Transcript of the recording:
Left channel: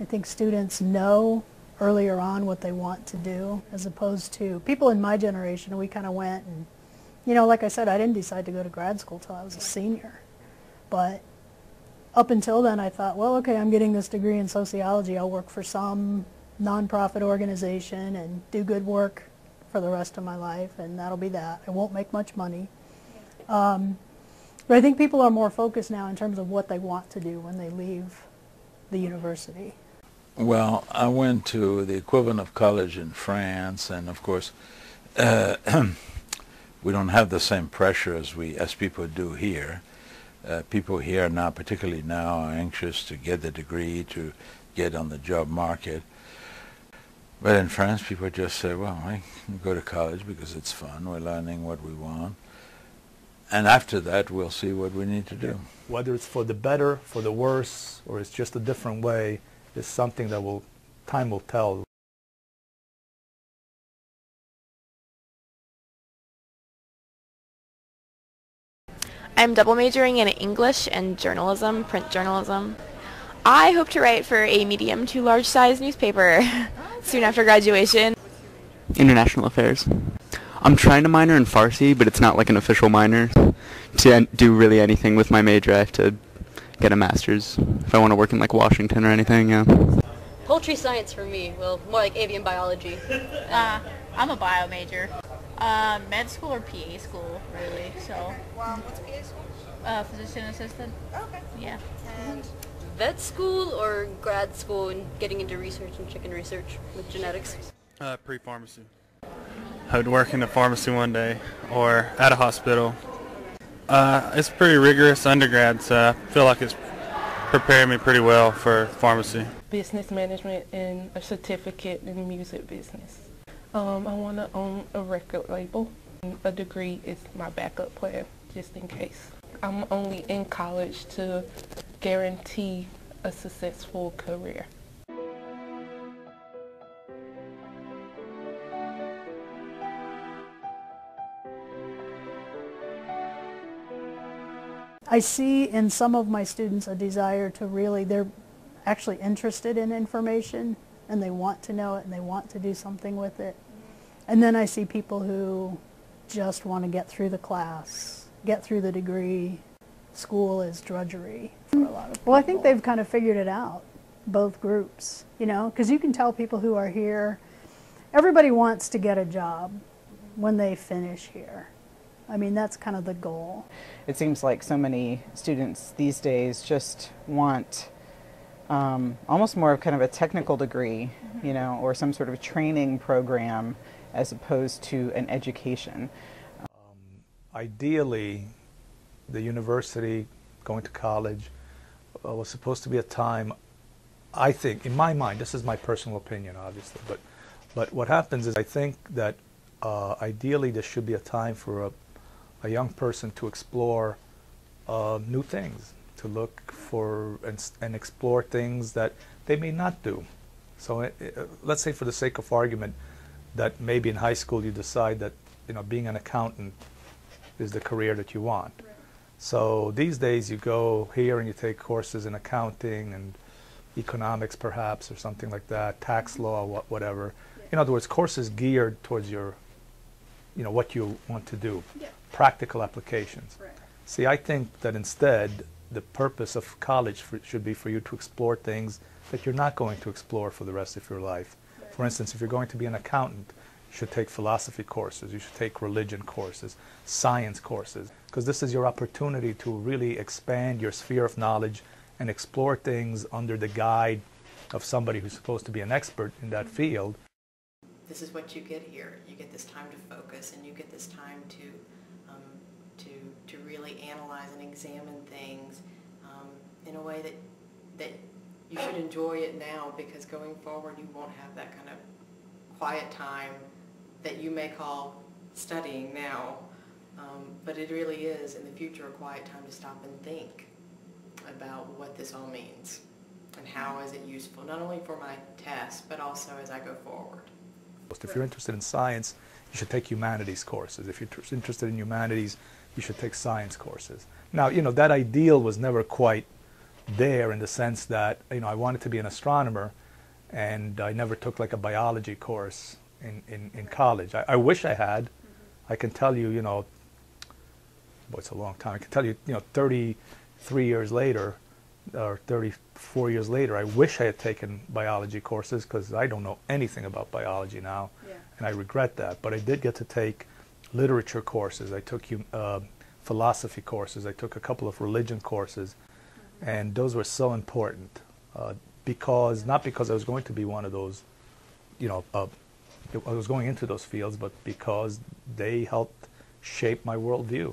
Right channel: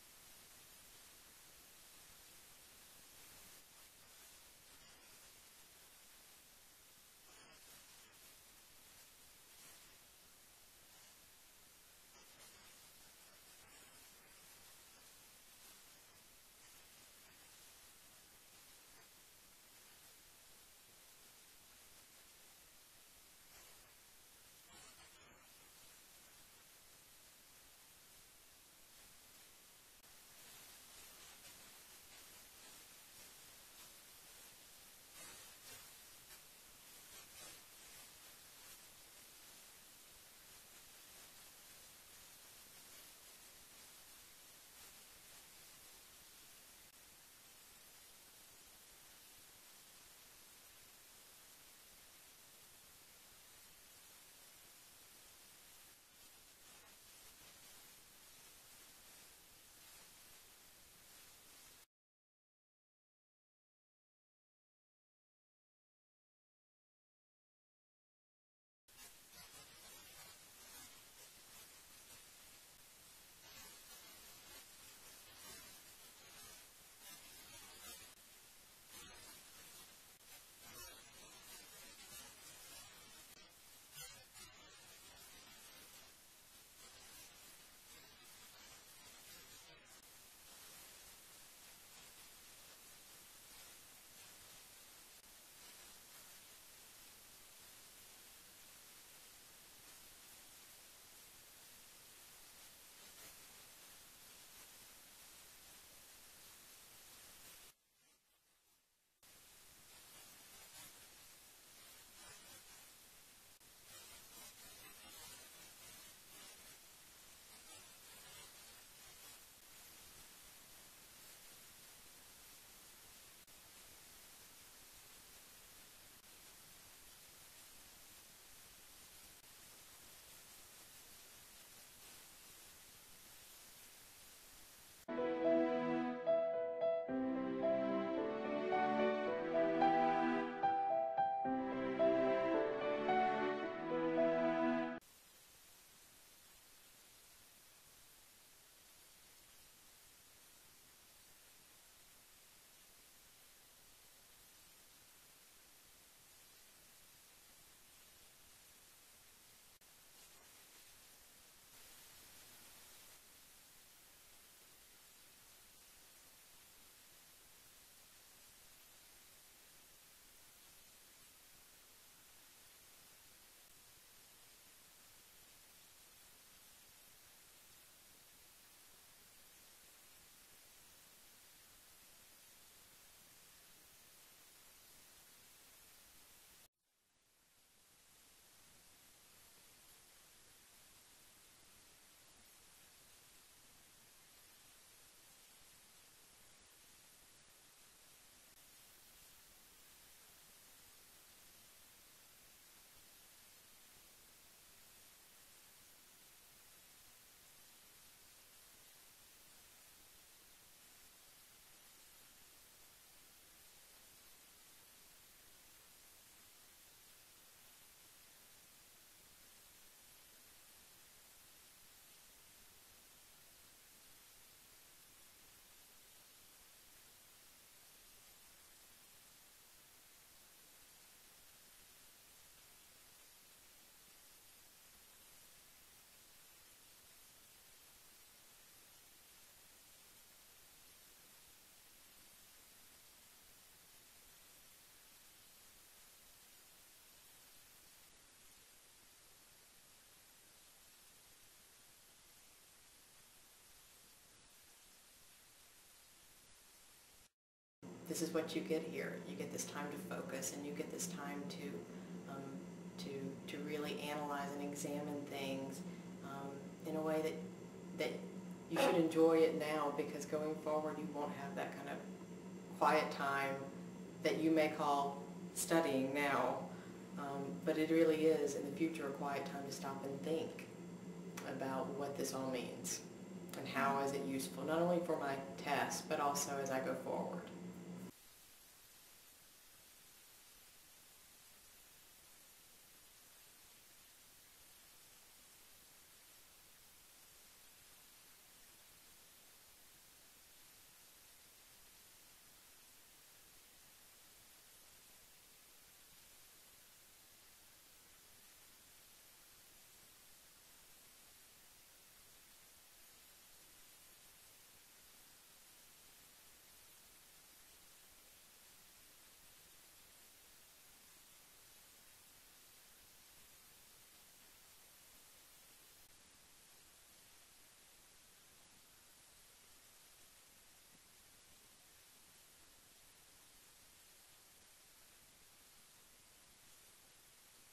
I think students know earlier on what they want to do, as opposed to people in my generation. We kind of went and, you know, like I said, I didn't decide to go to grad school till I was a senior. But up until then, I thought, well, okay, I'm getting this degree in sociology. I'll work for some nonprofit organization and do good work for the rest of my life, and that'll be that. I won't make much money. But I think people are more focused now in terms of what they want to do when they leave the university. Well, I went to the equivalent of college in France, and of course, we don't have the same pressure as people do here. People here now, particularly now, are anxious to get the degree, to get on the job market. But in France, people just say, well, I can go to college because it's fun. We're learning what we want. And after that, we'll see what we need to do. Whether it's for the better, for the worse, or it's just a different way, is something that time will tell. I'm double majoring in English and journalism, print journalism. I hope to write for a medium to large size newspaper soon after graduation. International affairs. I'm trying to minor in Farsi, but it's not like an official minor. To do really anything with my major, I have to get a master's if I want to work in like Washington or anything, yeah. Poultry science for me, well, more like avian biology. I'm a bio major. Med school or PA school, really, so. What's PA school? Physician assistant. Oh, okay. Yeah. And Vet school or grad school and getting into research and chicken research with genetics? Pre-pharmacy. I would work in a pharmacy one day or at a hospital. It's pretty rigorous undergrad, so I feel like it's prepared me pretty well for pharmacy. Business management and a certificate in music business. I want to own a record label. A degree is my backup plan, just in case. I'm only in college to guarantee a successful career. I see in some of my students a desire to really, they're actually interested in information and they want to know it and they want to do something with it. And then I see people who just want to get through the class, get through the degree. School is drudgery for a lot of people. Well, I think they've kind of figured it out, both groups, you know, because you can tell people who are here, everybody wants to get a job when they finish here. I mean, that's kind of the goal. It seems like so many students these days just want almost more of kind of a technical degree, you know, or some sort of training program as opposed to an education. Ideally, the university, going to college, was supposed to be a time, I think, in my mind, this is my personal opinion, obviously, but what happens is I think that ideally there should be a time for a young person to explore new things, to look for and explore things that they may not do. So let's say, for the sake of argument, that maybe in high school you decide that, you know, being an accountant is the career that you want. Right. So these days you go here and you take courses in accounting and economics perhaps, or something like that, tax law, whatever. Yeah. In other words, courses geared towards your, you know, what you want to do. Yeah. Practical applications. Right. See, I think that instead the purpose of college should be for you to explore things that you're not going to explore for the rest of your life. Right. For instance, if you're going to be an accountant, you should take philosophy courses, you should take religion courses, science courses, because this is your opportunity to really expand your sphere of knowledge and explore things under the guide of somebody who's supposed to be an expert in that field. This is what you get here. You get this time to focus, and you get this time to really analyze and examine things in a way that you should enjoy it now, because going forward you won't have that kind of quiet time that you may call studying now, but it really is in the future a quiet time to stop and think about what this all means and how is it useful, not only for my tests but also as I go forward. If you're interested in science, you should take humanities courses. If you're interested in humanities, you should take science courses. Now, you know, that ideal was never quite there in the sense that, you know, I wanted to be an astronomer, and I never took like a biology course in college. I wish I had. I can tell you, you know, boy, it's a long time. I can tell you, you know, 33 years later, or 34 years later, I wish I had taken biology courses, because I don't know anything about biology now, and I regret that. But I did get to take literature courses. I took philosophy courses. I took a couple of religion courses, and those were so important, not because I was going to be one of those, you know, I was going into those fields, but because they helped shape my worldview.